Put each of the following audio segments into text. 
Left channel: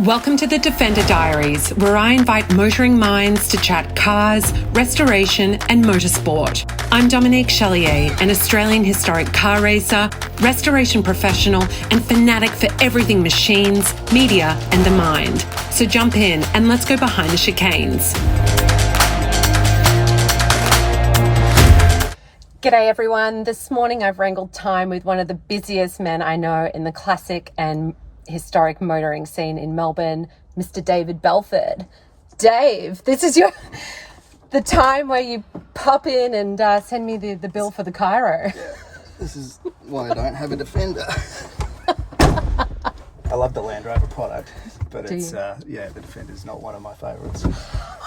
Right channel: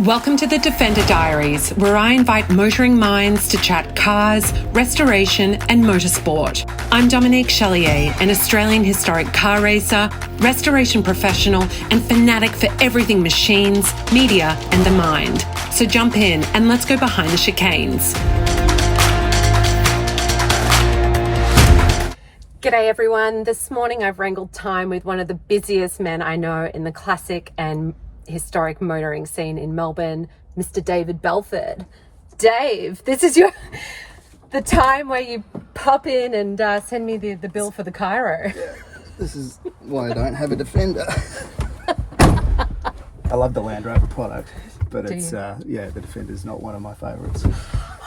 Welcome to the Defender Diaries, where I invite motoring minds to chat cars, restoration and motorsport. I'm dominiquechaleyer, an Australian historic car racer, restoration professional and fanatic for everything machines, media and the mind. So jump in and let's go behind the chicanes. G'day everyone. This morning I've wrangled time with one of the busiest men I know in the classic and historic motoring scene in Melbourne, Mr. David Belford. Dave, this is the time where you pop in and send me the bill for the Cairo. Yeah, this is why I don't have a Defender. I love the Land Rover product, but the Defender's not one of my favourites.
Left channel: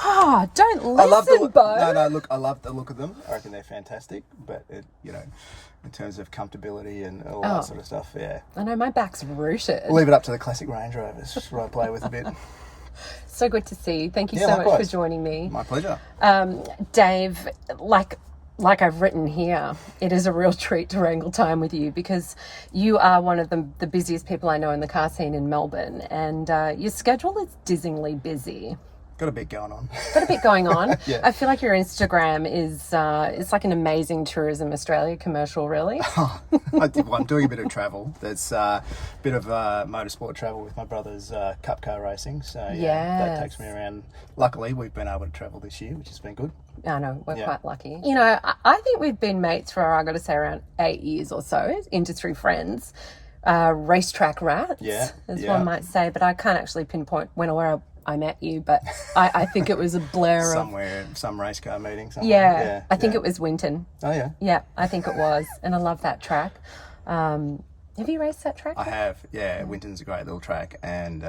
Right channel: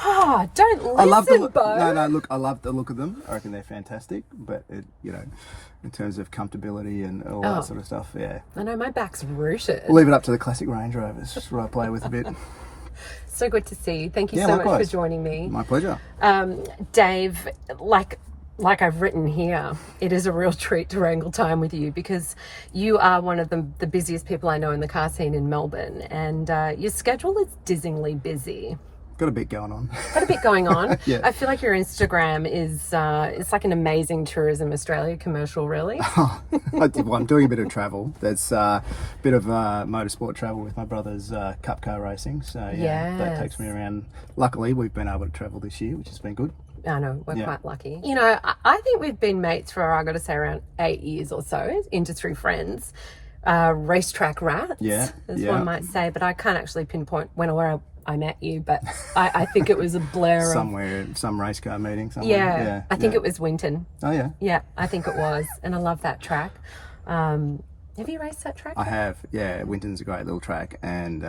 Oh, don't listen, I love the look. Beaux. No, look, I love the look of them. I reckon they're fantastic, but in terms of comfortability and all that sort of stuff, yeah. I know, my back's rooted. Leave it up to the classic Range Rovers, just what I play with a bit. So good to see you. Thank you so much for joining me. My pleasure. Dave, like I've written here, it is a real treat to wrangle time with you because you are one of the busiest people I know in the car scene in Melbourne, and your schedule is dizzyingly busy. Got a bit going on. Got a bit going on. Yeah. I feel like your Instagram is it's like an amazing Tourism Australia commercial, really. I'm doing a bit of travel. There's a bit of motorsport travel with my brother's cup car racing. So that takes me around. Luckily, we've been able to travel this year, which has been good. I know, we're quite lucky. You know, I think we've been mates for, I got to say, around 8 years or so, industry friends. Racetrack rats, as one might say, but I can't actually pinpoint when or where I met you, but I think it was a blur somewhere, some race car meeting somewhere. I think it was Winton. Oh yeah. Yeah, I think it was, and I love that track. Have you raced that track? I have, yeah. Winton's a great little track and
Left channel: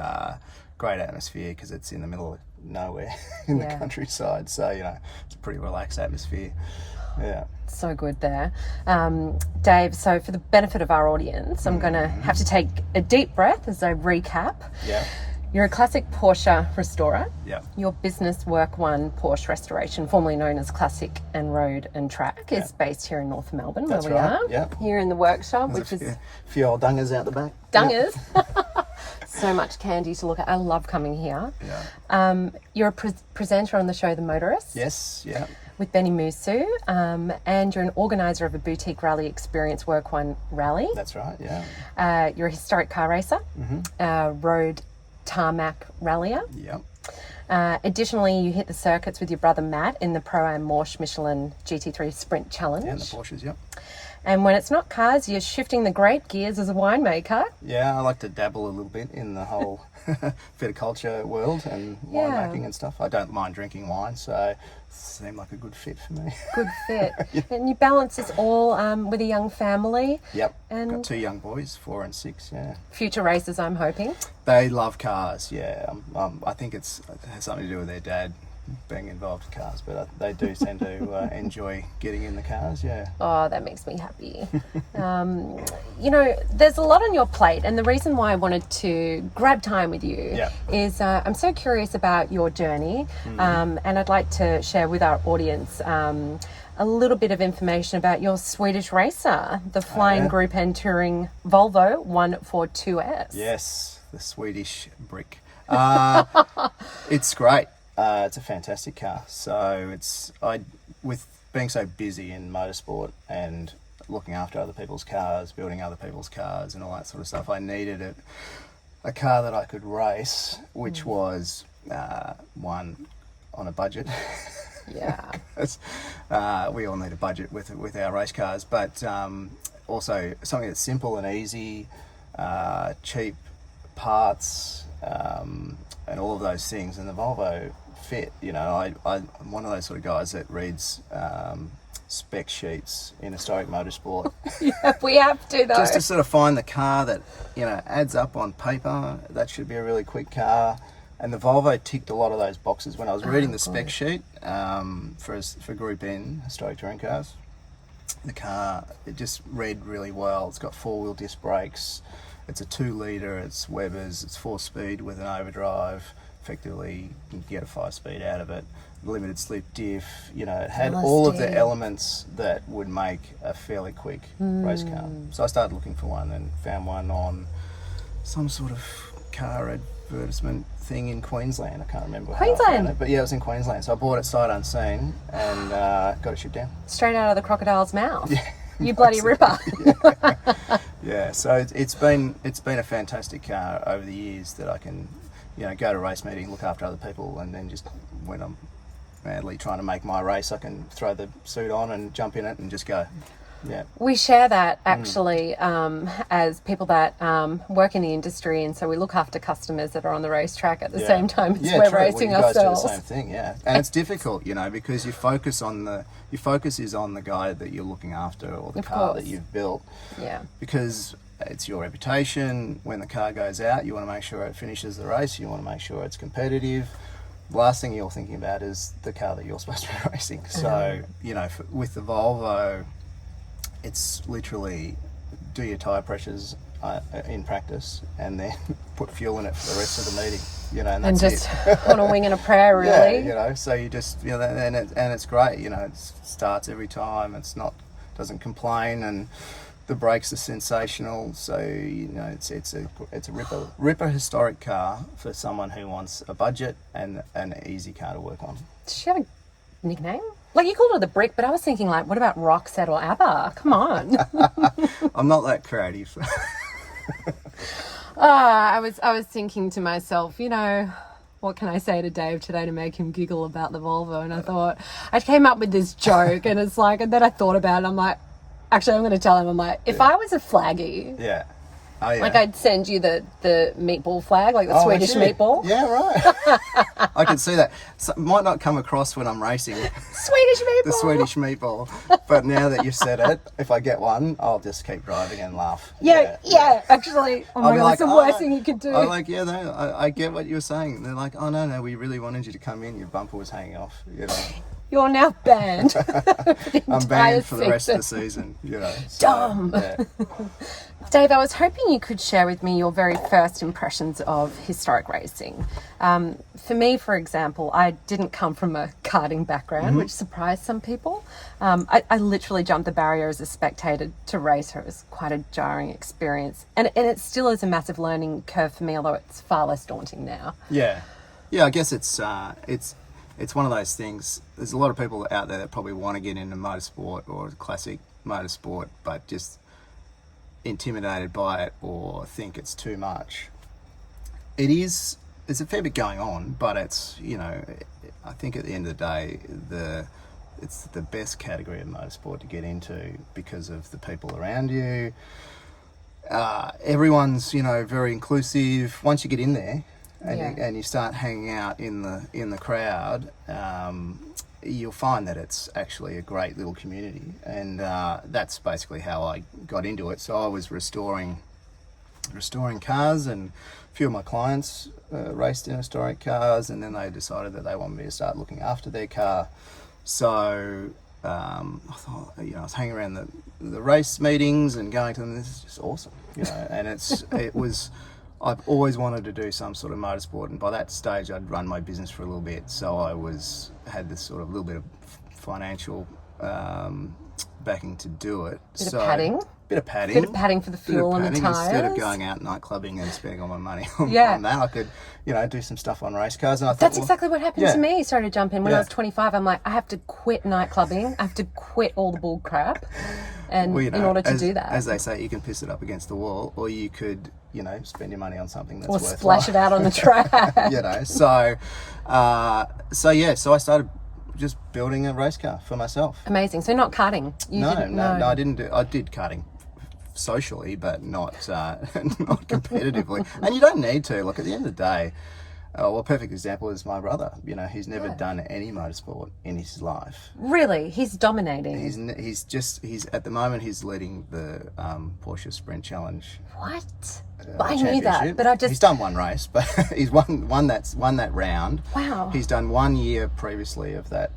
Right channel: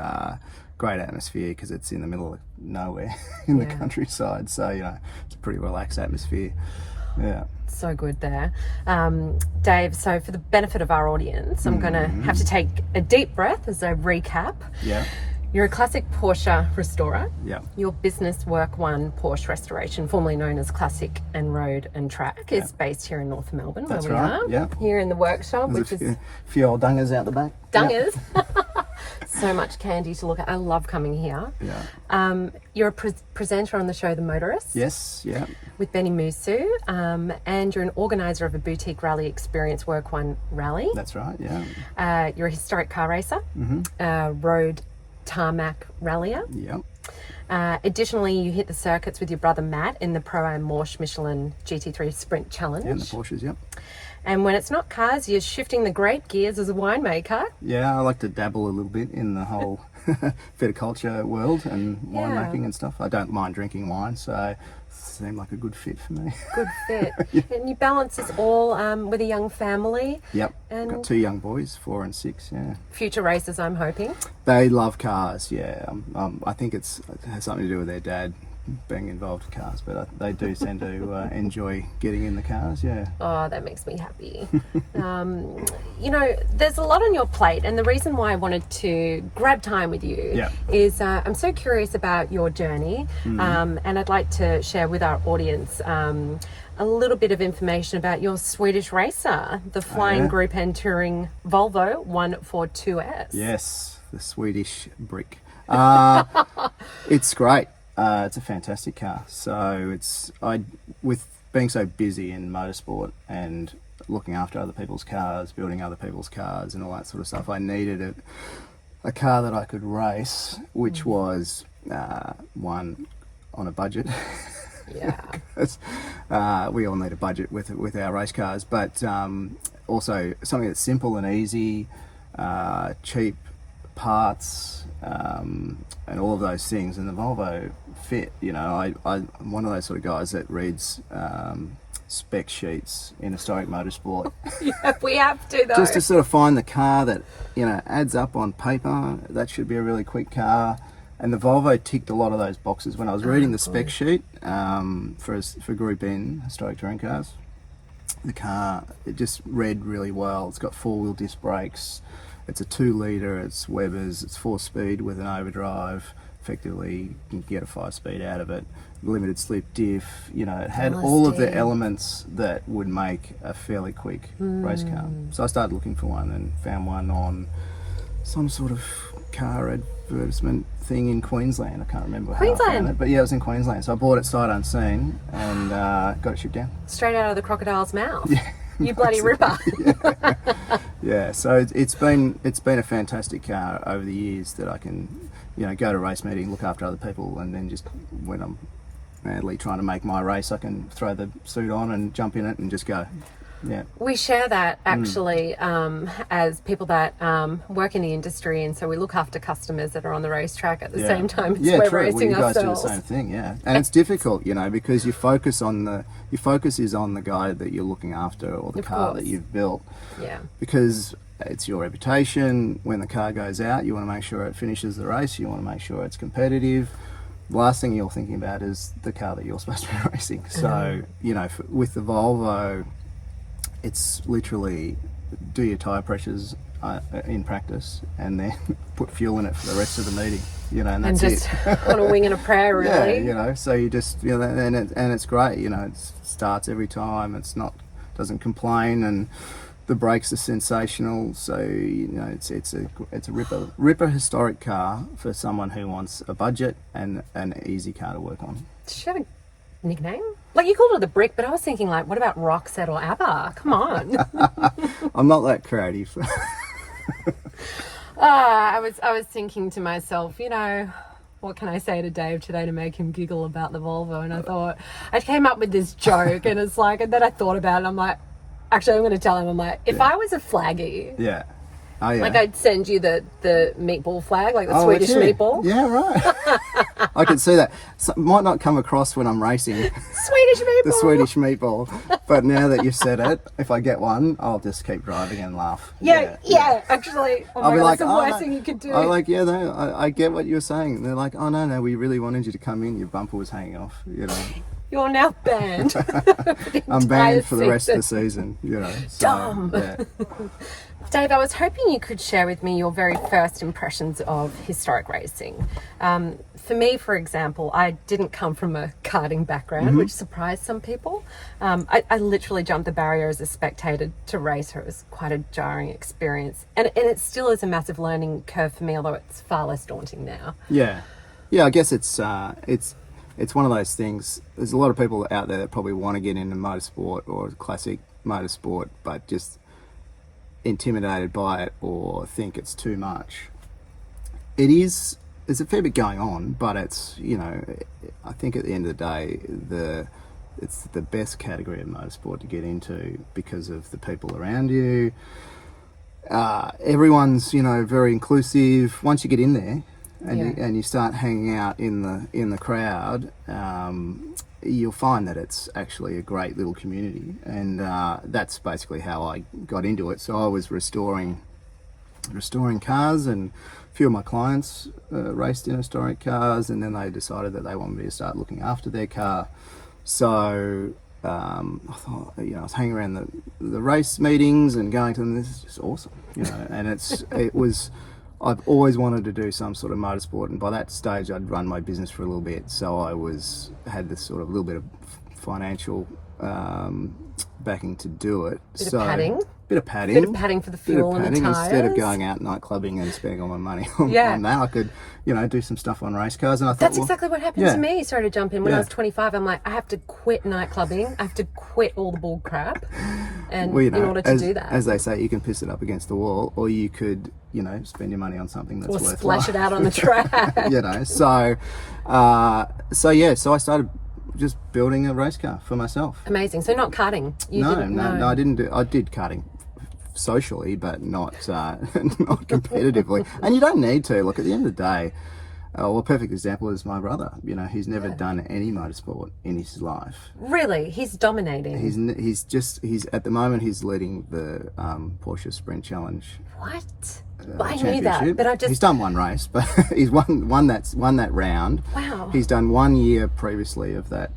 great atmosphere because it's in the middle of nowhere in the countryside, so it's a pretty relaxed atmosphere. Yeah. So good there. Dave, so for the benefit of our audience, I'm going to have to take a deep breath as I recap. Yeah. You're a classic Porsche restorer. Yeah. Your business, Work One Porsche Restoration, formerly known as Classic and Road and Track, is based here in North Melbourne. That's where we right. are. Yeah. Here in the workshop, There's which is a few old dungers out the back. Dungers. So much candy to look at. I love coming here. Yeah. You're a presenter on the show The Motorist. Yes. Yeah. With Benny Musu, and you're an organizer of a boutique rally experience, Work One Rally. That's right. Yeah. You're a historic car racer, road tarmac rallier. Yeah. Additionally, you hit the circuits with your brother Matt in the Pro-Am Porsche Michelin GT3 Sprint Challenge. Yeah, the Porsches. Yep. And when it's not cars, you're shifting the grape gears as a winemaker. Yeah, I like to dabble a little bit in the whole viticulture world and winemaking and stuff. I don't mind drinking wine, so it seemed like a good fit for me. Good fit. And you balance this all with a young family. Yep. And got 2 young boys, 4 and 6. Yeah. Future racers, I'm hoping. They love cars. Yeah. I think it has something to do with their dad being involved in cars, but they do seem to enjoy getting in the cars. Yeah. Oh, that makes me happy. There's a lot on your plate, and the reason why I wanted to grab time with you is I'm so curious about your journey, and I'd like to share with our audience a little bit of information about your Swedish racer, the flying group and touring Volvo 142S. Yes, the Swedish brick. It's great. It's a fantastic car. So with being so busy in motorsport and looking after other people's cars, building other people's cars and all that sort of stuff, I needed a car that I could race, which was one on a budget. Yeah. We all need a budget with our race cars, but also something that's simple and easy, cheap parts, and all of those things, and the Volvo fit. I'm one of those sort of guys that reads spec sheets in historic motorsport. We have to, though. Just to sort of find the car that adds up on paper. That should be a really quick car, and the Volvo ticked a lot of those boxes. When I was reading the spec sheet for Group N historic touring cars, the car, it just read really well. It's got 4-wheel disc brakes. It's a 2-litre, it's Weber's, it's 4-speed with an overdrive. Effectively, you can get a 5-speed out of it. Limited slip diff, it had all of the elements that would make a fairly quick race car. So I started looking for one and found one on some sort of car advertisement thing in Queensland. I can't remember how I Queensland? found it, but yeah, it was in Queensland. So I bought it sight unseen and got it shipped down. Straight out of the crocodile's mouth. Yeah. You bloody ripper. Yeah, so it's been a fantastic car over the years that I can, go to race meeting, look after other people, and then just when I'm madly trying to make my race, I can throw the suit on and jump in it and just go. Yeah. We share that actually as people that work in the industry, and so we look after customers that are on the racetrack at the same time as we're true. racing Well, you guys ourselves. do the same thing, yeah. And it's difficult, because your focus is on the guy that you're looking after or the Of car course. that you've built. Yeah. Because it's your reputation. When the car goes out, you want to make sure it finishes the race. You want to make sure it's competitive. The last thing you're thinking about is the car that you're supposed to be racing. So, with the Volvo, it's literally do your tyre pressures in practice and then put fuel in it for the rest of the meeting, and that's just it. on a wing and a prayer, really. Yeah, so you just, and it's great, it starts every time, doesn't complain, and the brakes are sensational, so, it's a ripper historic car for someone who wants a budget and an easy car to work on. Does she have a nickname? Like, you called her the Brick, but I was thinking, like, what about Roxette or ABBA? Come on. I'm not that creative. I was thinking to myself, what can I say to Dave today to make him giggle about the Volvo? And I thought, I came up with this joke, and it's like, and then I thought about it, and I'm like, actually, I'm going to tell him, I'm like, if I was a flaggy, Yeah. Oh, yeah. like, I'd send you the meatball flag, like the Swedish meatball. Yeah, right. I can see that. So, might not come across when I'm racing Swedish meatball. the Swedish meatball, but now that you've said it, if I get one, I'll just keep driving and laugh. Yeah, actually, oh I'll my be God, like, it's the worst thing you could do. I'm like, yeah, no, I get what you're saying. And they're like, oh, no, we really wanted you to come in. Your bumper was hanging off, You're now banned. For the I'm entire banned for the rest of the season. season, So, Dumb. yeah. Dave, I was hoping you could share with me your very first impressions of historic racing. For me, for example, I didn't come from a karting background, which surprised some people. I literally jumped the barrier as a spectator to racer. It was quite a jarring experience. And it still is a massive learning curve for me, although it's far less daunting now. Yeah, I guess it's one of those things. There's a lot of people out there that probably want to get into motorsport or classic motorsport, but just intimidated by it or think it's too much. There's a fair bit going on, but it's, I think at the end of the day, it's the best category of motorsport to get into because of the people around you. Everyone's, very inclusive. Once you get in there, and you start hanging out in the crowd, you'll find that it's actually a great little community, and that's basically how I got into it. So I was restoring cars, and a few of my clients raced in historic cars, and then they decided that they wanted me to start looking after their car. So I thought, I was hanging around the race meetings and going to them. This is just awesome, and I've always wanted to do some sort of motorsport, and by that stage I'd run my business for a little bit, so I had this sort of little bit of financial backing to do it. Bit of padding for the fuel and the tyres. Instead of going out night clubbing and spending all my money on that, I could, do some stuff on race cars. And I thought, that's exactly what happened to me. Sorry to jump in. When I was 25, I'm like, I have to quit night clubbing. I have to quit all the bull crap, and in order to do that, as they say, you can piss it up against the wall, or you could, spend your money on something that's worthwhile. Or splash it out on the track. So I started just building a race car for myself. Amazing. So not karting. No, I didn't do. I did karting socially, but not not competitively. And you don't need to. Look, at the end of the day, a perfect example is my brother. He's never done any motorsport in his life. Really, he's dominating. He's at the moment he's leading the Porsche Sprint Challenge. What? I knew that, but he's done one race, but he's won that round. Wow. He's done 1 year previously of that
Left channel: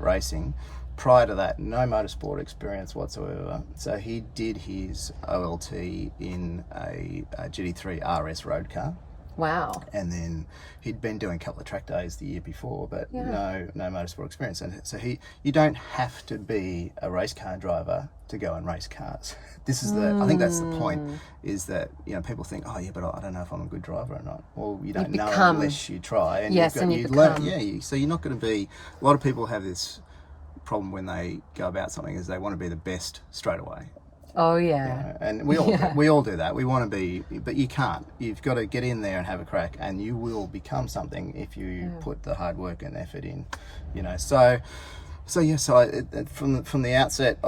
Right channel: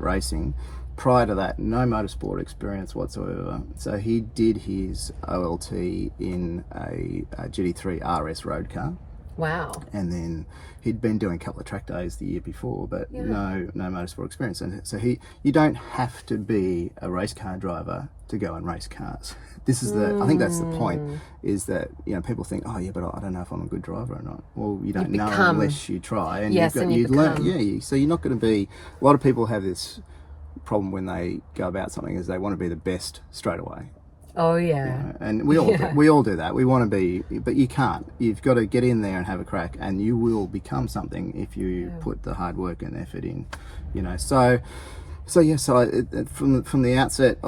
racing. Prior to that, no motorsport experience whatsoever. So he did his OLT in a GT3 RS road car. Wow. And then he'd been doing a couple of track days the year before, but no motorsport experience. And so you don't have to be a race car driver to go and race cars. This is I think that's the point, is that, you know, people think, oh yeah, but I don't know if I'm a good driver or not. Well, you don't know unless you try. And you learn. Yeah, so you're not going to be, a lot of people have this problem when they go about something, is they want to be the best straight away. Oh yeah. You know, and we all do that. We want to be, but you can't. You've got to get in there and have a crack, and you will become something if you put the hard work and effort in. You know, so from the outset,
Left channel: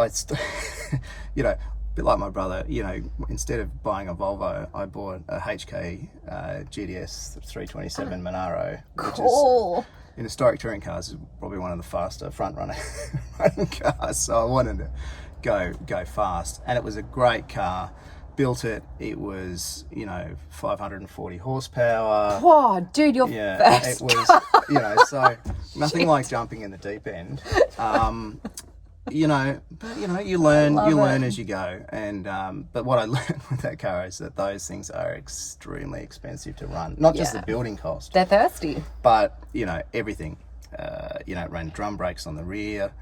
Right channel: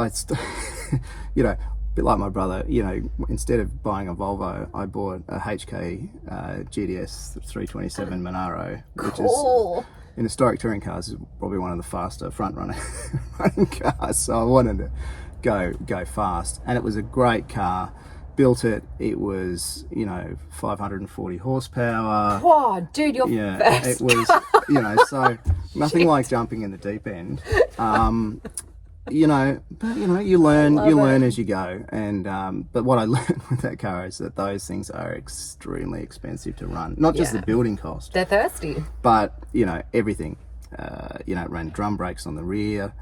you know, a bit like my brother. You know, instead of buying a Volvo, I bought a HK GDS 327 Monaro, which is, in historic touring cars, is probably one of the faster front running cars. So I wanted to go fast, and it was a great car. Built it, it was, you know, 540 horsepower. Oh dude, you're it was, you know, so nothing like jumping in the deep end. You know, but you know, you learn as you go. And but what I learned with that car is that those things are extremely expensive to run. Not just the building cost, they're thirsty, but you know, everything. You know, it ran drum brakes on the rear.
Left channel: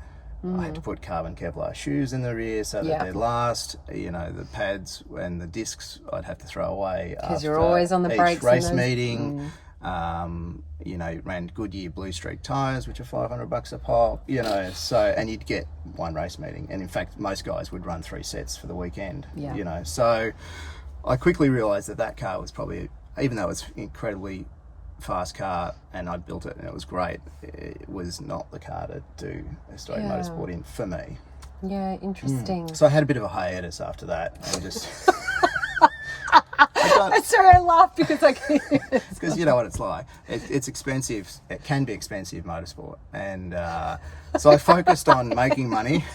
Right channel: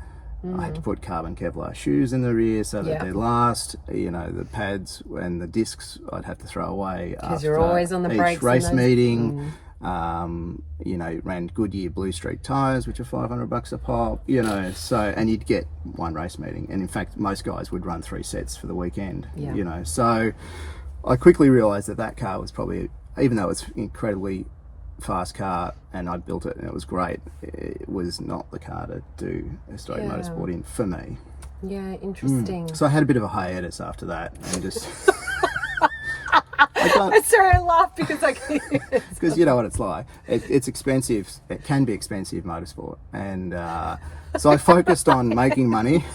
I had to put carbon Kevlar shoes in the rear so that they'd last. You know, the pads and the discs I'd have to throw away because you're always on the brakes. Each race meeting. You know, ran Goodyear Blue Streak tyres, which are $500 a pop. You know, so, and you'd get one race meeting, and in fact, most guys would run 3 sets for the weekend. Yeah. You know, so I quickly realised that car was probably, even though it's incredibly fast car and I built it and it was great, it was not the car to do historic motorsport in for me. Yeah, interesting. So I had a bit of a hiatus after that, and just I'm sorry, I laugh because because you know what it's like. It's expensive. It can be expensive, motorsport, and so I focused on making money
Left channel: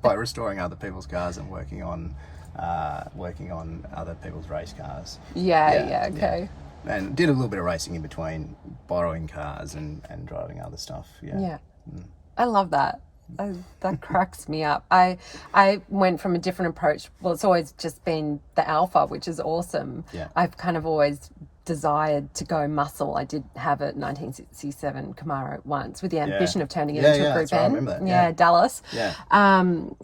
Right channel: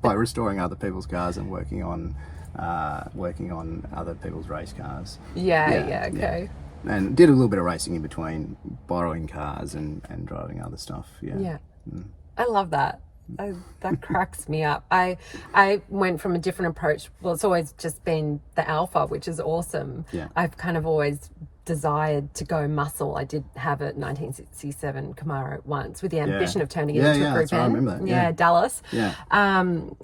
by restoring other people's cars and working on other people's race cars. Okay. And did a little bit of racing in between, borrowing cars and driving other stuff. I love that. That cracks me up. I went from a different approach. Well, it's always just been the Alpha, which is awesome. I've kind of always desired to go muscle. I did have a 1967 Camaro once with the ambition of turning it into a Group N. I remember that. Dallas. But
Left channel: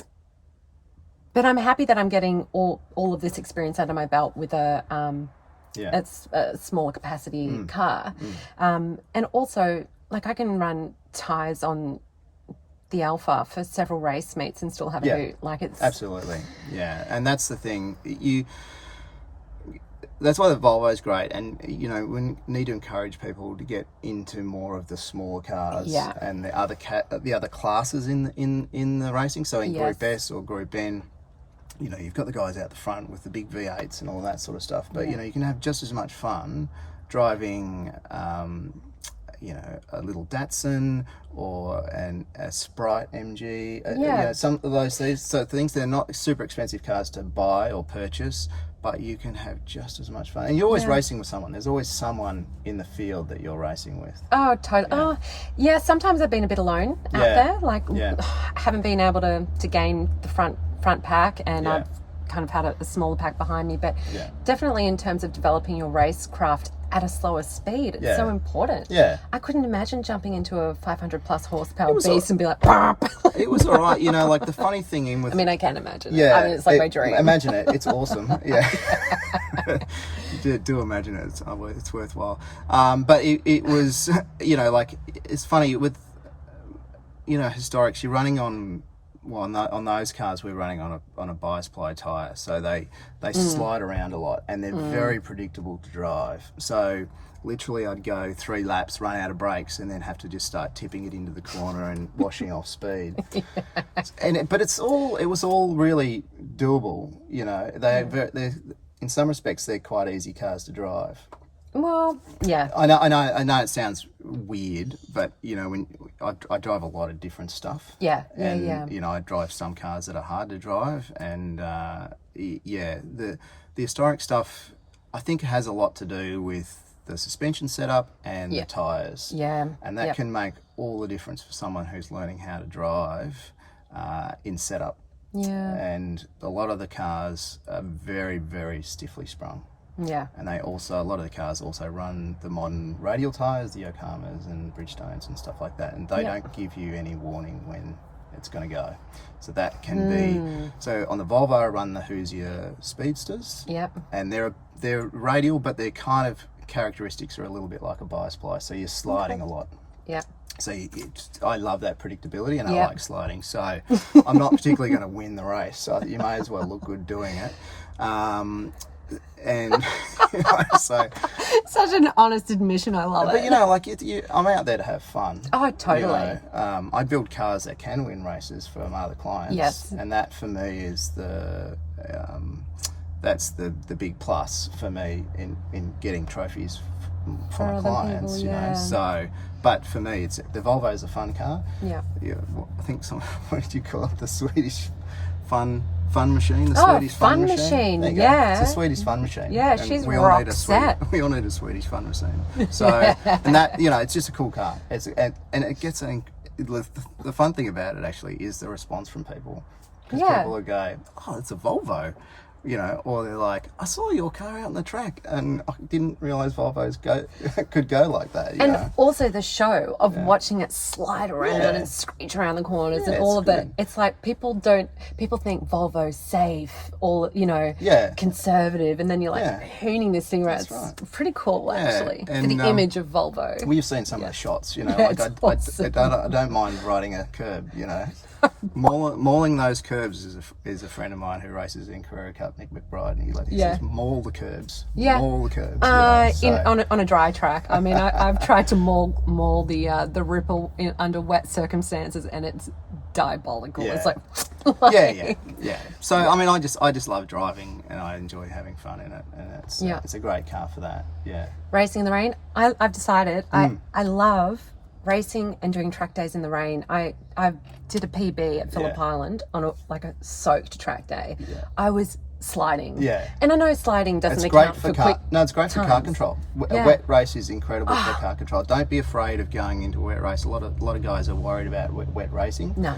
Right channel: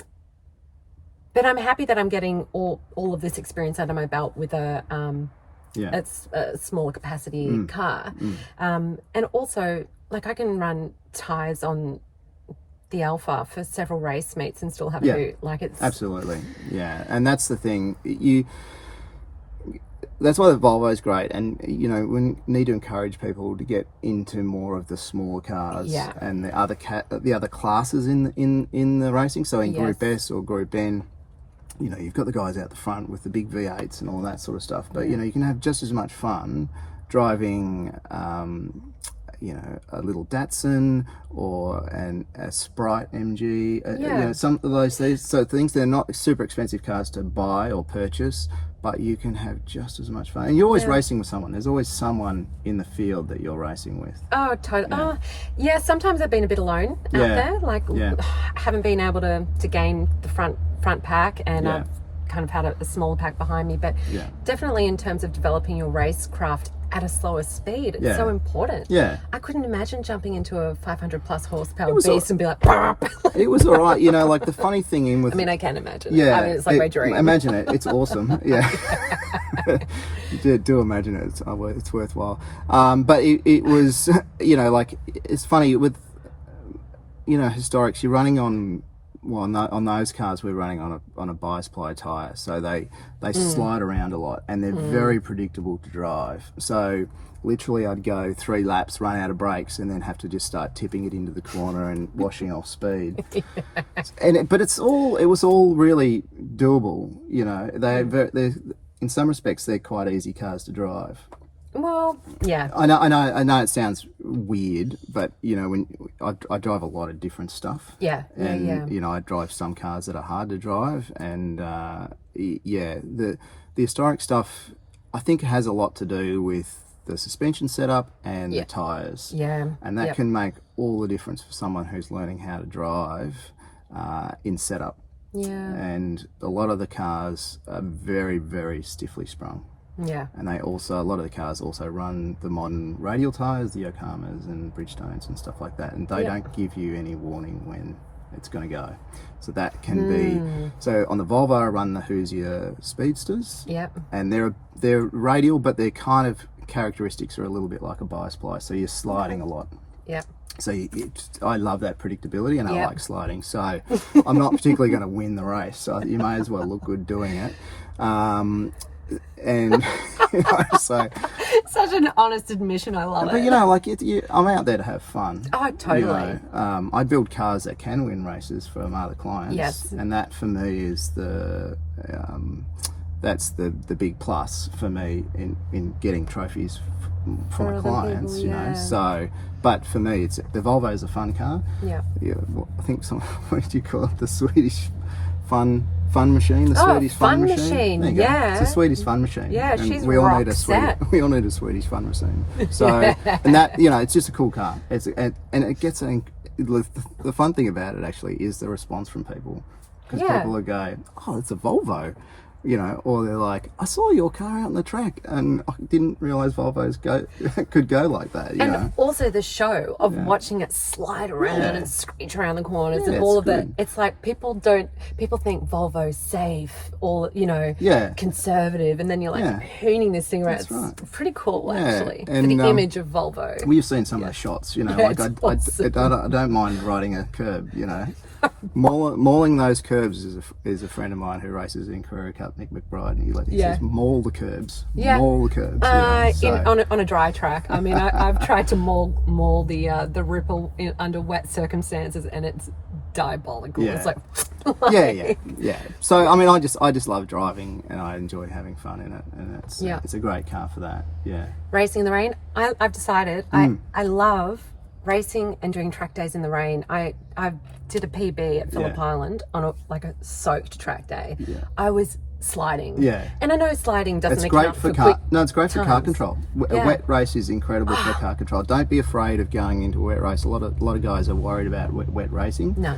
I'm happy that I'm getting all of this experience under my belt with a smaller capacity car. And also, like, I can run tyres on the Alpha for several race meets and still have a boot. Like, it's absolutely, and that's the thing. That's why the Volvo is great, and you know, we need to encourage people to get into more of the smaller cars and the other classes in the racing. So in Group S or Group N, you know, you've got the guys out the front with the big V8s and all that sort of stuff, but you know, you can have just as much fun driving you know, a little Datsun or a Sprite MG, you know, some of those things. So things, they're not super expensive cars to buy or purchase, but you can have just as much fun. And you're always racing with someone. There's always someone in the field that you're racing with. Oh, totally. Sometimes I've been a bit alone out there. Like, haven't been able to gain the front pack, and I've kind of had a smaller pack behind me. But definitely in terms of developing your racecraft at a slower speed, it's so important. I couldn't imagine jumping into a 500 plus horsepower beast and be like, Barp. It was all right. You know, like the funny thing in with, I mean, I can imagine it. I mean, it's like my dream. Imagine it. It's awesome. Do imagine it. It's worthwhile. But it was, you know, like, it's funny with, you know, historics, you're running on, well, on those cars we're running on a bias ply tyre, so they slide around a lot, and they're very predictable to drive. So literally I'd go 3 laps, run out of brakes, and then have to just start tipping it into the corner and washing off speed. But it was all really doable. You know, they in some respects they're quite easy cars to drive. Well, yeah. I know it sounds weird, but you know, when I drive a lot of different stuff. And you know, I drive some cars that are hard to drive, and the historic stuff, I think, has a lot to do with the suspension setup and the tires. And that can make all the difference for someone who's learning how to drive in setup. And a lot of the cars are very, very stiffly sprung. Yeah. And a lot of the cars also run the modern radial tyres, the Yokohamas and Bridgestones and stuff like that, and they don't give you any warning when it's going to go. So that can be. So on the Volvo, I run the Hoosier Speedsters. Yep. And they're radial, but their kind of characteristics are a little bit like a bias ply. So you're sliding a lot. Yep. So I love that predictability, and I like sliding. So I'm not particularly going to win the race. So you may as well look good doing it. And so such an honest admission. I love it. But you know, like I'm out there to have fun. Oh, totally. You know, I build cars that can win races for my other clients. Yes. And that for me is that's the big plus for me in getting trophies for my clients. People, you know, so. But for me, the Volvo is a fun car. Yeah. I think what do you call it? The Swedish fun machine. The Swedish fun machine. There you go. It's the Swedish fun machine. Yeah, and she's we all need a we all need a Swedish fun machine. So and that, you know, it's just a cool car. And it gets the fun thing about it actually is the response from people, because people will go, "Oh, it's a Volvo." You know, or they're like, I saw your car out on the track and I didn't realise Volvos could go like that, you know? Also the show of watching it slide around and screech around the corners and all of it. It's like people think Volvo's safe, or, you know, conservative, and then you're like hooning this thing around. It's pretty cool, actually, and, for the image of Volvo. We've seen some of the shots, you know, like I don't mind riding a curb, you know. Mauling those curbs is a friend of mine who races in Carrera Cup, Nick McBride, and he says maul the curbs, maul the curbs. On a dry track. I mean, I've tried to maul the ripple under wet circumstances, and it's diabolical. It's like yeah. So I mean, I just love driving, and I enjoy having fun in it, and it's a great car for that. Yeah. Racing in the rain. I've decided I love racing and doing track days in the rain. I did a PB at Phillip Island on a soaked track day. I was sliding. And I know sliding doesn't account for quick. No, it's great for car control. A wet race is incredible for car control. Don't be afraid of going into a wet race. A lot of guys are worried about wet racing. No.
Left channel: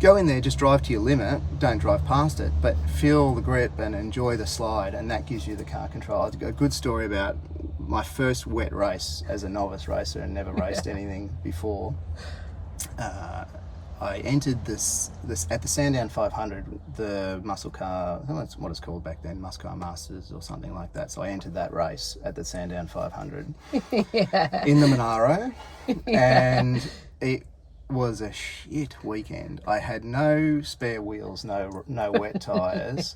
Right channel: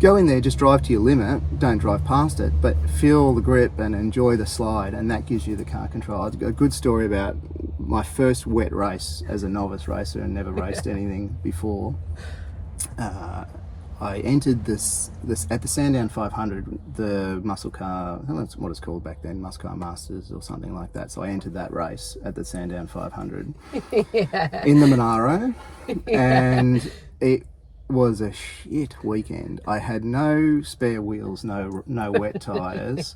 Go in there, just drive to your limit, don't drive past it, but feel the grip and enjoy the slide, and that gives you the car control. I've got a good story about my first wet race as a novice racer and never raced anything before. I entered this at the Sandown 500, the muscle car, I don't know what it's called back then, Muscle Car Masters or something like that. So I entered that race at the Sandown 500 in the Monaro, and it was a shit weekend. I had no spare wheels, no wet tyres.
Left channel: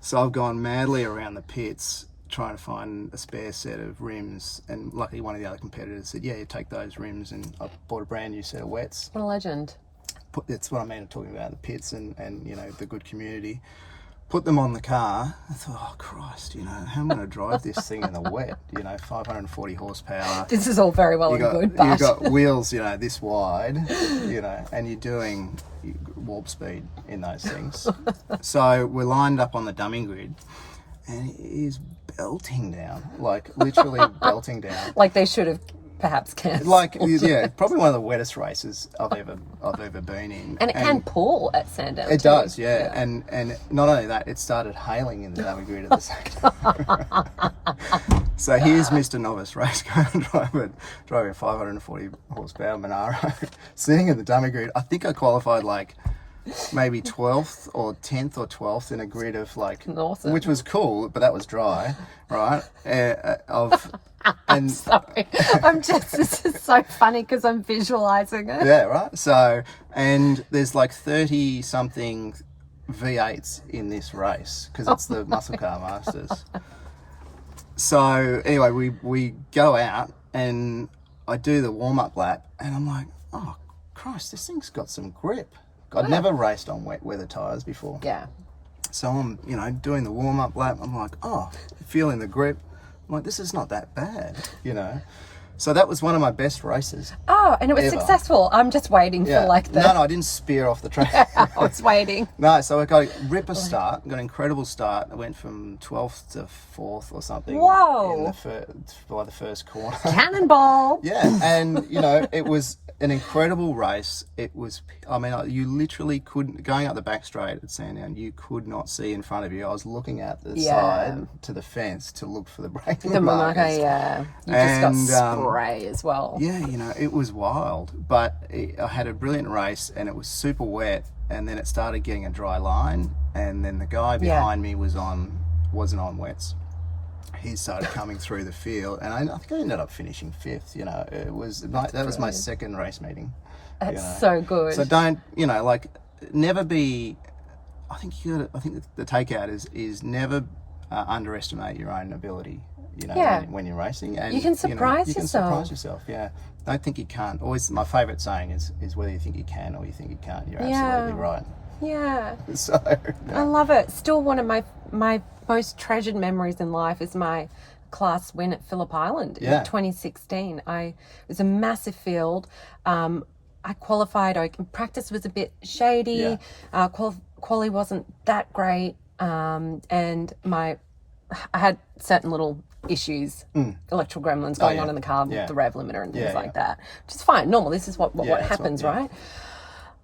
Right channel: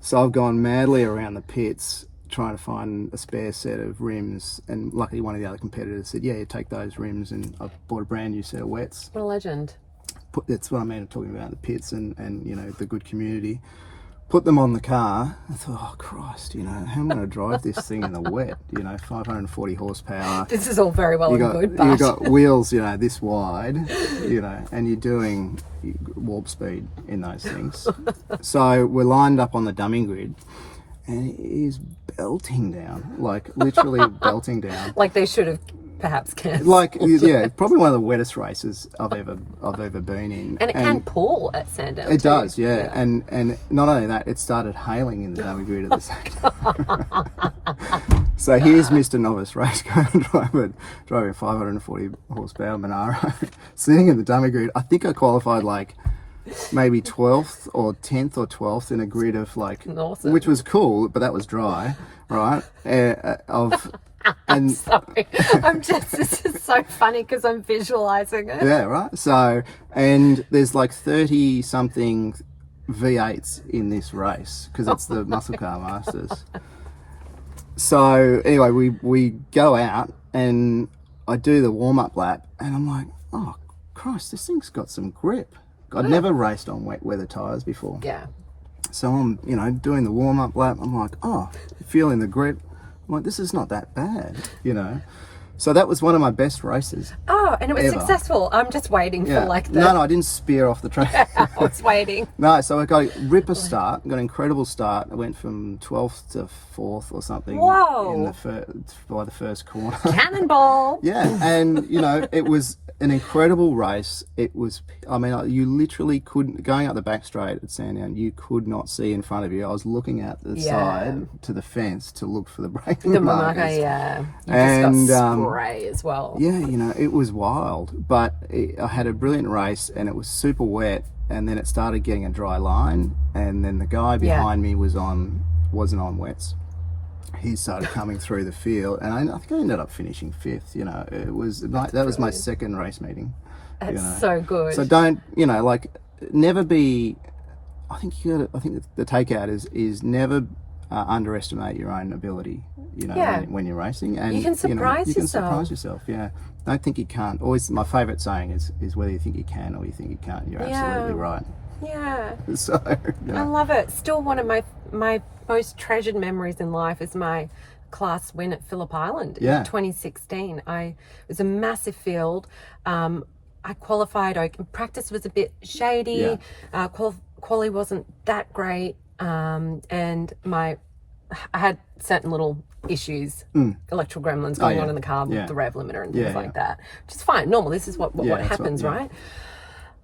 So I've gone madly around the pits trying to find a spare set of rims, and luckily one of the other competitors said, yeah, take those rims, and I bought a brand new set of wets. What a legend. That's what I mean, I'm talking about the pits and you know, the good community. Put them on the car. I thought, oh Christ, you know, how am I going to drive this thing in the wet? You know, 540 horsepower. This is all very well and good, but you've got wheels, you know, this wide, you know, and you're doing warp speed in those things. So we're lined up on the dumbing grid, and it is belting down, like literally belting down. Like they should have perhaps cancelled. Like, yeah, probably one of the wettest races I've ever been in. And it can pull at Sandown. It does, yeah. And not only that, it started hailing in the dummy grid at the same time. So here's Mr. Novice Race car driver driving a 540 horsepower Monaro, sitting in the dummy grid. I think I qualified like maybe 12th or 10th or 12th in a grid of like, awesome. Which was cool, but that was dry, right? I'm sorry. This is so funny because I'm visualizing it. Yeah, right. So, and there's like 30 something V8s in this race because it's the Muscle Car Masters. So anyway, we go out and I do the warm up lap, and I'm like, oh Christ, this thing's got some grip. I'd never raced on wet weather tyres before. Yeah. So I'm, you know, doing the warm up lap. I'm like, oh, feeling the grip. I'm like, this is not that bad, you know. So that was one of my best races. Oh, and it was ever. successful. I'm just waiting for like the... No, I didn't spear off the track. I was waiting. No, so I got a ripper start, got an incredible start. I went from 12th to 4th or something. Whoa. By the first corner. Cannonball. Yeah, and it was an incredible race. It was, you literally couldn't, going up the back straight at Sandown, you could not see in front of you. I was looking out the side to the fence to look for the braking markers. You And, just got spray as well. Yeah, it was wild, but I had a brilliant race and it was super wet, and then it started getting a dry line, and then the guy behind me wasn't on wets. He started coming through the field, and I think I ended up finishing 5th. It was that was my second race meeting. That's so good. So don't never be. I think the takeout is never underestimate your own ability. When you're racing, and you can surprise yourself. You can surprise yourself. Yeah, don't think you can't. Always, my favourite saying is whether you think you can or you think you can't. You're absolutely right. Yeah. So I love it. Still, one of my most treasured memories in life is my class win at Phillip Island in 2016. It was a massive field. I qualified. Practice was a bit shady. Quali wasn't that great, and I had certain little issues, electrical gremlins going on in the car with the rev limiter and things like that, which is fine, normal. This is what happens, right?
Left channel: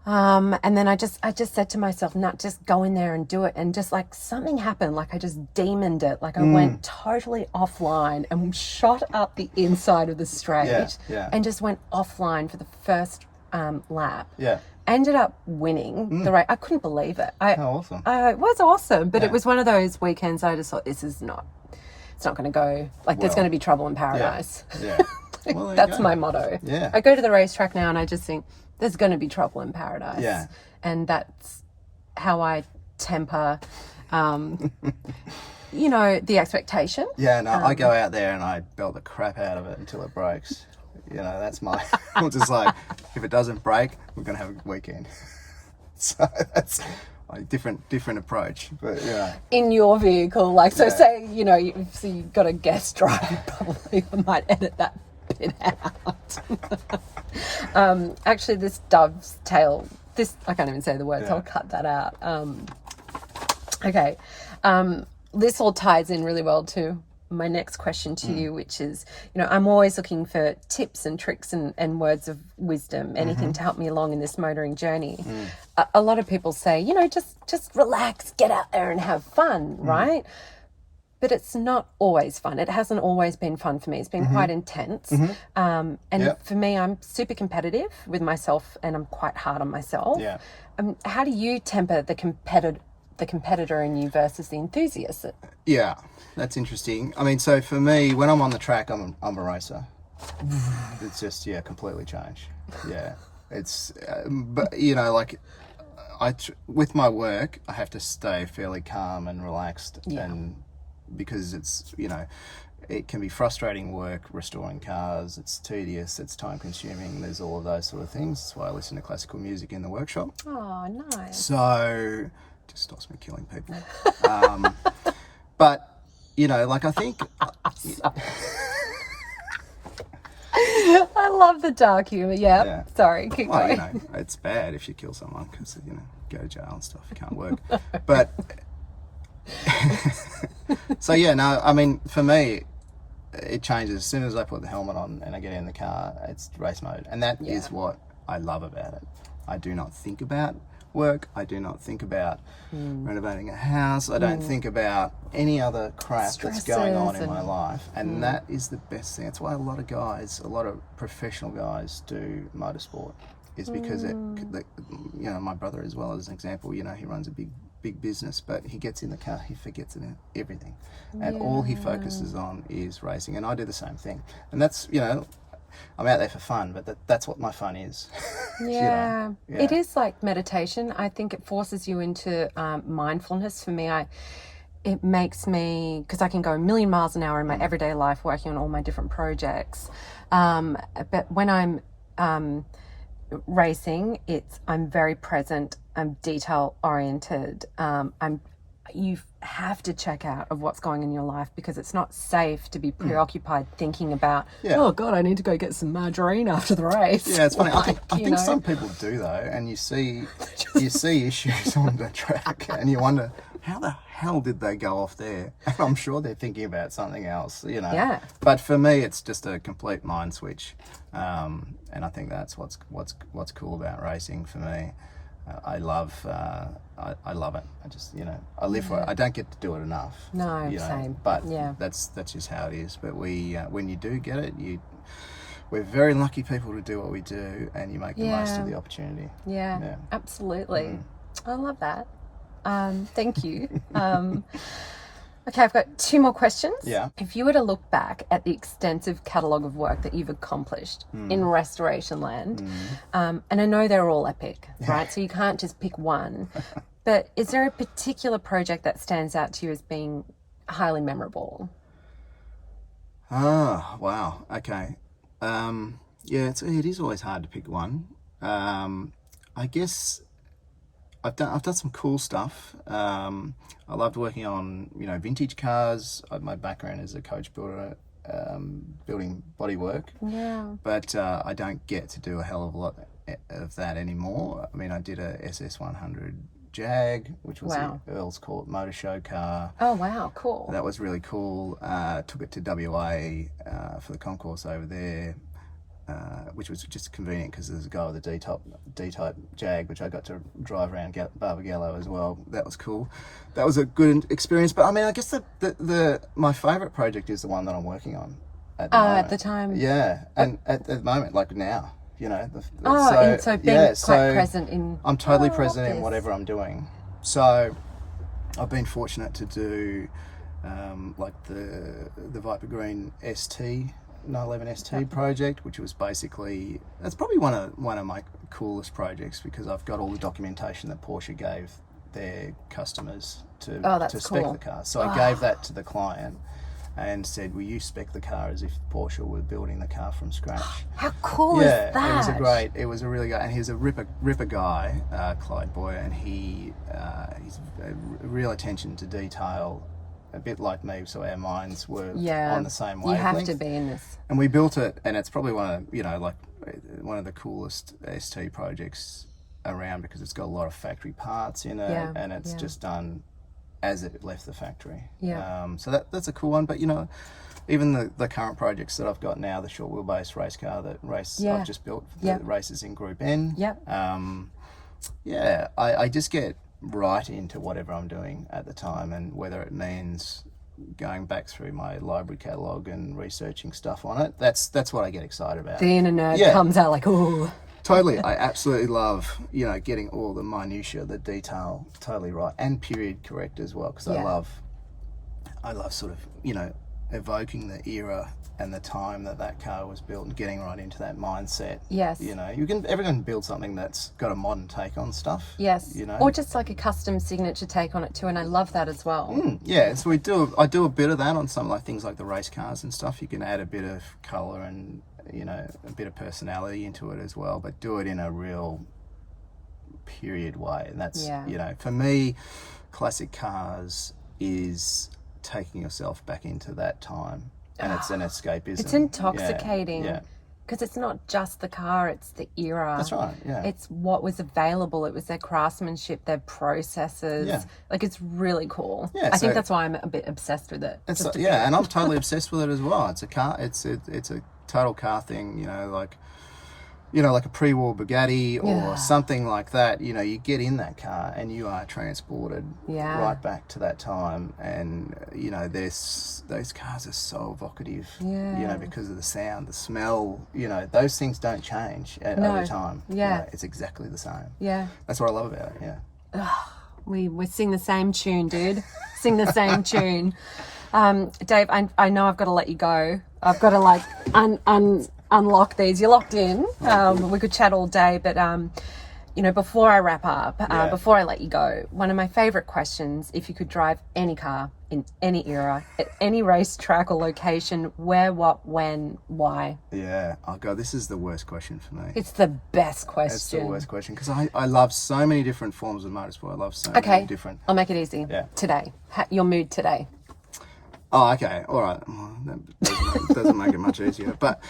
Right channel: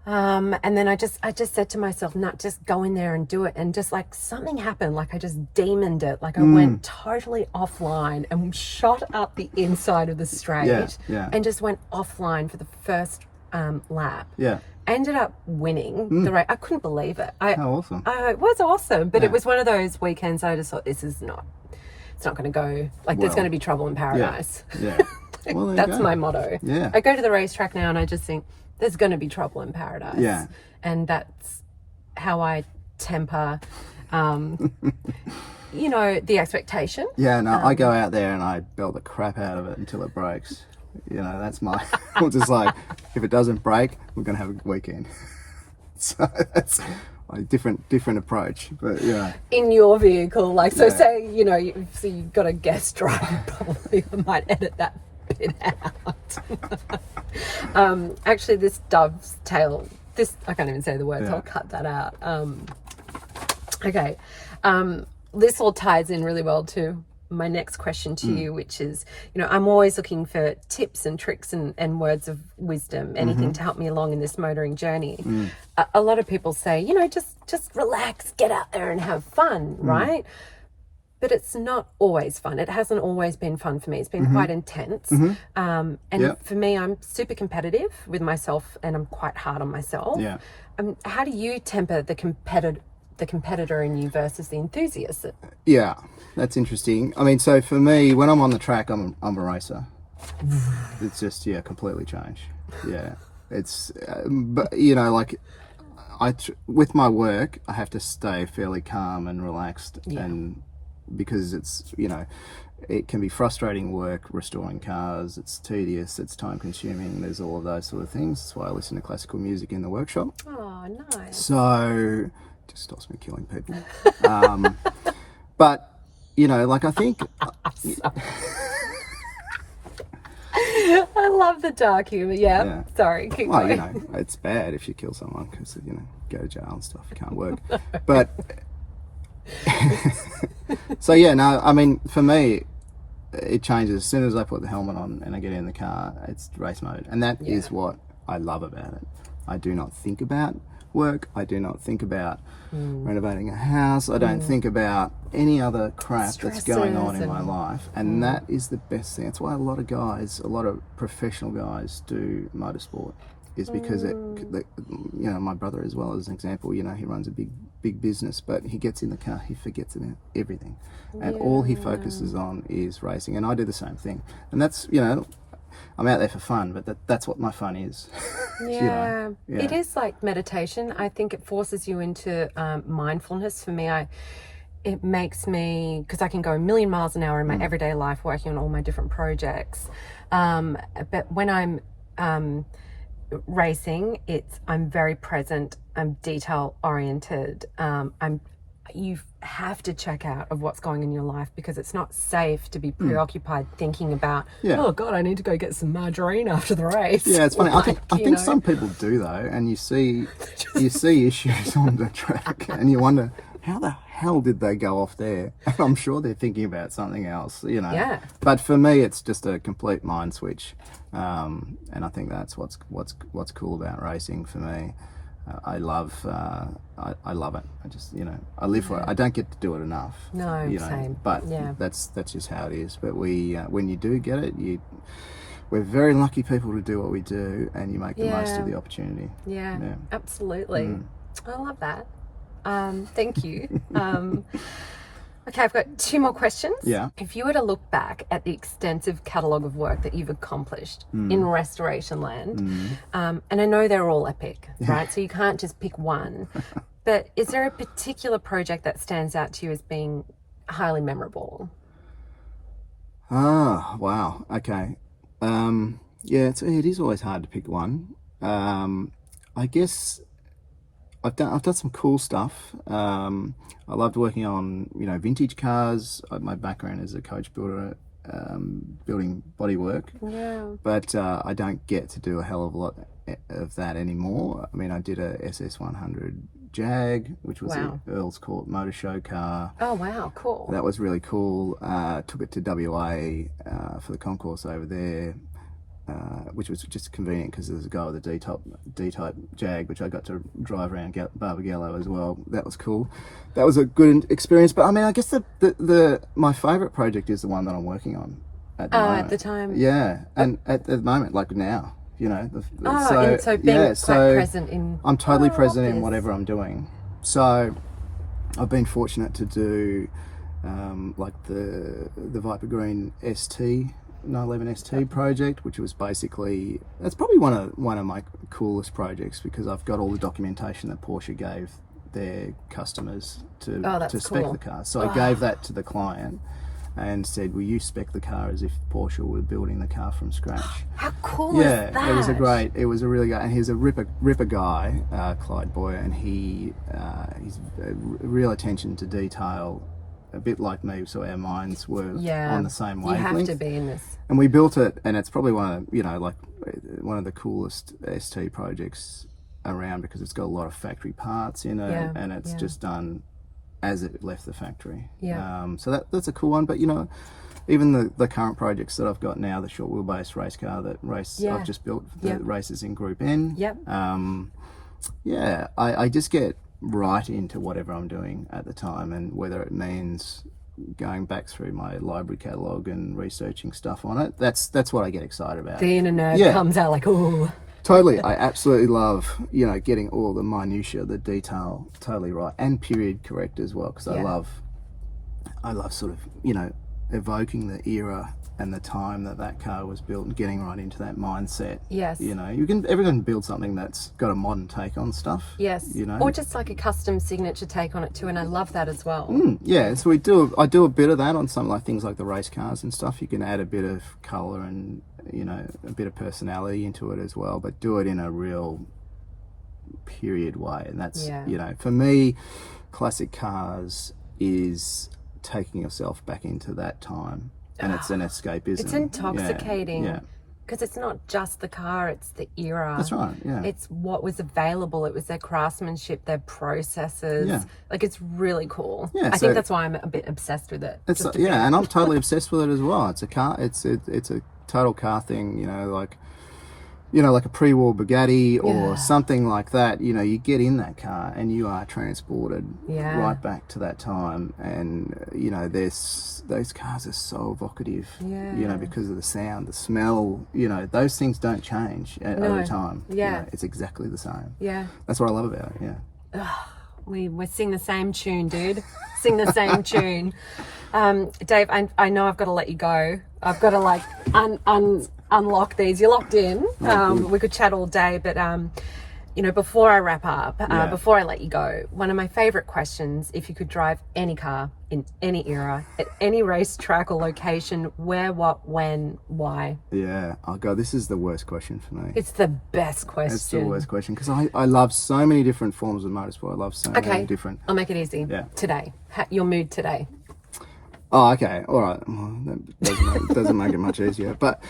And then I just said to myself, not just go in there and do it, and just like something happened, like I just demoned it, like I went totally offline and shot up the inside of the straight and just went offline for the first lap. Ended up winning the race. I couldn't believe it. How awesome. It was awesome, but it was one of those weekends I just thought, it's not going to go, there's going to be trouble in paradise. Well, that's my motto. I go to the racetrack now and I just think there's going to be trouble in paradise. And that's how I temper the expectation. I go out there and I belt the crap out of it until it breaks. That's my I'm just like, if it doesn't break, we're gonna have a weekend. So that's a different approach, but in your vehicle, say you've got a guest driver, probably I might edit that bit out. Actually, this dovetail, I can't even say the words, I'll cut that out. Okay, this all ties in really well to my next question to you, which is, I'm always looking for tips and tricks and words of wisdom, anything to help me along in this motoring journey. A lot of people say, just relax, get out there and have fun, right? But it's not always fun. It hasn't always been fun for me. It's been quite intense. For me, I'm super competitive with myself and I'm quite hard on myself. How do you temper the competitor in you versus the enthusiast? That's interesting. So for me, when I'm on the track, I'm a racer. It's just completely changed. It's but with my work, I have to stay fairly calm and relaxed, and because it's it can be frustrating work restoring cars. It's tedious. It's time consuming. There's all of those sort of things. That's why I listen to classical music in the workshop. Oh, nice. So it just stops me killing people. But I think I love the dark humor. Sorry, keep going. It's bad if you kill someone because go to jail and stuff. You can't work. But for me, it changes as soon as I put the helmet on and I get in the car. It's race mode, and that is what I love about it. I do not think about work. I do not think about renovating a house. I don't think about any other crap that's going on in my life, and that is the best thing. That's why a lot of professional guys do motorsport, is because my brother as well as an example, he runs a big business, but he gets in the car, he forgets everything, and all he focuses on is racing. And I do the same thing, and that's I'm out there for fun, but that's what my fun is. It is like meditation. I think it forces you into mindfulness. For me, it makes me, because I can go a million miles an hour in my everyday life working on all my different projects. But when I'm racing, I'm very present. I'm detail oriented. you have to check out of what's going on in your life, because it's not safe to be preoccupied thinking about, oh God, I need to go get some margarine after the race. Yeah, it's funny. I think some people do though, and you see issues on the track, and you wonder, how the hell did they go off there? And I'm sure they're thinking about something else, you know. Yeah. But for me, it's just a complete mind switch, and I think that's what's cool about racing for me. I love it. I just, you know, I live for it. I don't get to do it enough. No, you know, same. But that's just how it is. But we, when you do get it, we're very lucky people to do what we do, and you make the most of the opportunity. Yeah. Absolutely. I love that. Thank you. Okay, I've got 2 more questions. Yeah. If you were to look back at the extensive catalogue of work that you've accomplished in restoration land, and I know they're all epic, right? So you can't just pick one. But is there a particular project that stands out to you as being highly memorable? Oh, wow. Okay. Yeah, it is always hard to pick one. I guess I've done some cool stuff. I loved working on, you know, vintage cars. My background is a coach builder, building bodywork. Yeah. But I don't get to do a hell of a lot of that anymore. I mean, I did a SS100 Jag, which was the Earl's Court Motor Show car. Oh wow, cool. That was really cool. Took it to WA for the concourse over there. Which was just convenient because there's a guy with a D-type Jag, which I got to drive around Barbagallo as well. That was cool. That was a good experience. But I mean, I guess my favourite project is the one that I'm working on at the moment. At the time. Yeah, and at the moment, like now, you know. So being quite present in. I'm totally present in whatever I'm doing. So I've been fortunate to do like the Viper Green ST. 911 ST project, which was basically, that's probably one of my coolest projects, because I've got all the documentation that Porsche gave their customers to spec the car. So I gave that to the client and said, will you spec the car as if Porsche were building the car from scratch? How cool is that? Yeah, it was a really good, and he's a ripper guy, Clyde Boyer, and he's a real attention to detail, a bit like me, so our minds were on the same wavelength. You have to be in this. And we built it, and it's probably one of the coolest ST projects around, because it's got a lot of factory parts in it, and it's just done as it left the factory. So that's a cool one. But you know, even the current projects that I've got now, the short wheelbase race car I've just built, the races in Group N. I just get right into whatever I'm doing at the time, and whether it means going back through my library catalogue and researching stuff on it, that's what I get excited about. The inner nerd comes out like, ooh. Totally. I absolutely love, you know, getting all the minutiae, the detail totally right, and period correct as well, because I love sort of, you know, evoking the era and the time that car was built, and getting right into that mindset. Yes. You know, everyone can build something that's got a modern take on stuff. Yes. You know, or just like a custom signature take on it too, and I love that as well. Yeah, so I do a bit of that on some like things like the race cars and stuff. You can add a bit of colour and, you know, a bit of personality into it as well, but do it in a real period way. And that's, you know, for me, classic cars is taking yourself back into that time. And it's an escapism. It's intoxicating. Because it's not just the car, it's the era. That's right, It's what was available. It was their craftsmanship, their processes. Like, it's really cool. I think that's why I'm a bit obsessed with it. And I'm totally obsessed with it as well. It's a car. It's a total car thing, you know, like a pre-war Bugatti or something like that. You know, you get in that car and you are transported right back to that time. And, you know, those cars are so evocative, you know, because of the sound, the smell, you know, those things don't change over time. You know, it's exactly the same. That's what I love about it, We sing the same tune, dude. Sing the same tune. Dave, I know I've got to let you go. I've got to like unlock these. You're locked in. We could chat all day, but before I wrap up, Yeah. before I let you go, one of my favorite questions: if you could drive any car in any era, at any racetrack or location, where, what, when, why? Yeah. Oh God, this is the worst question for me. It's the best question. It's the worst question because I love so many different forms of motorsport. I love so many different. I'll make it easy. Yeah. Today, your mood today. Oh, okay. All right. Well, that doesn't make it much easier. But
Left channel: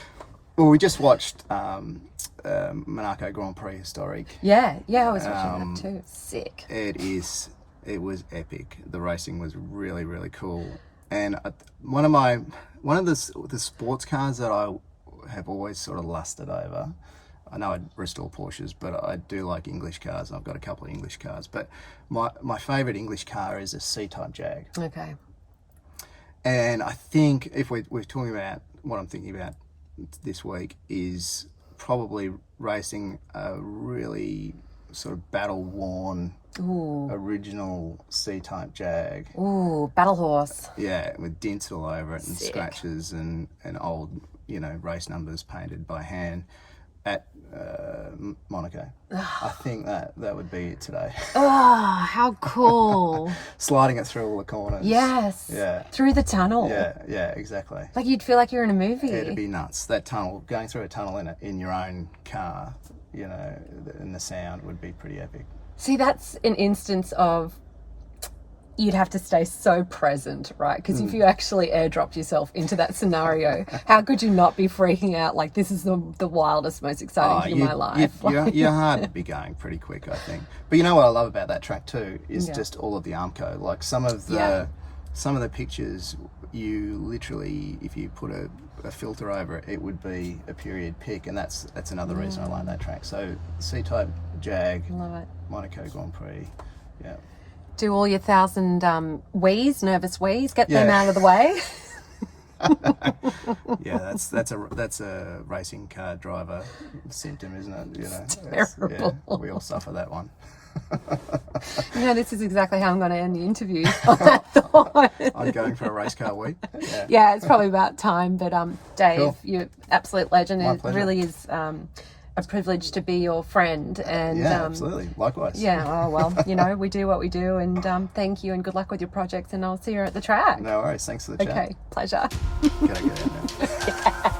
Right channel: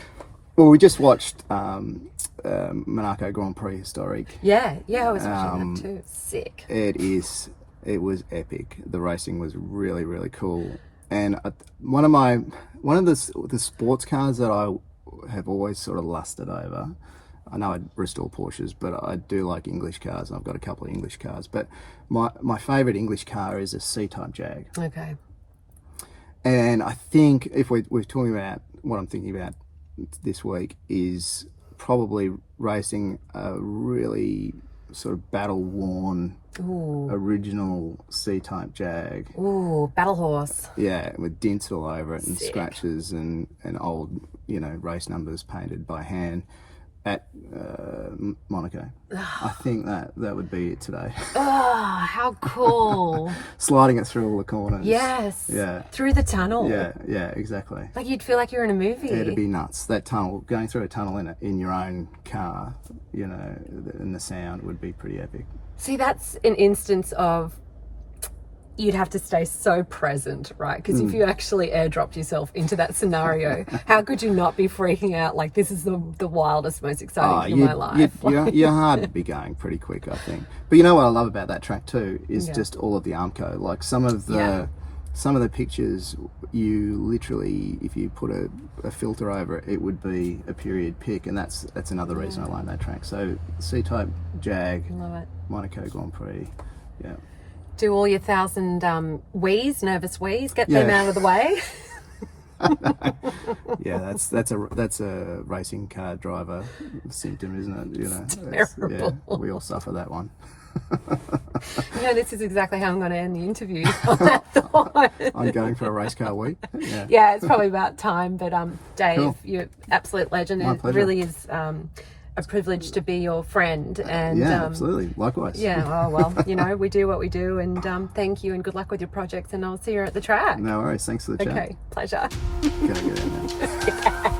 we just watched Monaco Grand Prix historic. Yeah, I was watching that too. Sick. It was epic. The racing was really, really cool. And one of the sports cars that I have always sort of lusted over. I know I restore Porsches, but I do like English cars. And I've got a couple of English cars. But my favourite English car is a C-Type Jag. Okay. And I think if we're talking about what I'm thinking about this week is probably racing a really sort of battle-worn original C-Type Jag. Ooh, battle horse. Yeah, with dents all over it and Sick. scratches and old, race numbers painted by hand at Monaco. I think that would be it today. Oh, how cool. Sliding it through all the corners. Yes. Yeah. Through the tunnel. Yeah, exactly. Like you'd feel like you're in a movie. It'd be nuts. That tunnel, going through a tunnel in your own car, and the sound would be pretty epic. See, that's an instance of you'd have to stay so present, right? Because if you actually airdropped yourself into that scenario, how could you not be freaking out like this is the wildest, most exciting thing in my life? Your heart would be going pretty quick, I think. But you know what I love about that track too is just all of the Armco. Like some of the pictures, you literally, if you put a filter over it, it would be a period pic, and that's another reason I like that track. So C-Type Jag, Love it. Monaco Grand Prix, yeah. Do all your 1,000 nervous wheeze, get them out of the way. Yeah, that's a racing car driver symptom, isn't it? Terrible. We all suffer that one. This is exactly how I'm going to end the interview on that thought. I'm going for a race car week. Yeah, it's probably about time. But Dave, Cool. you're absolute legend. My It pleasure. really is a privilege to be your friend. And absolutely. Likewise. Yeah, we do what we do. And thank you and good luck with your projects. And I'll see you at the track. No worries. Thanks for the chat. Okay, pleasure. Okay, yeah, no.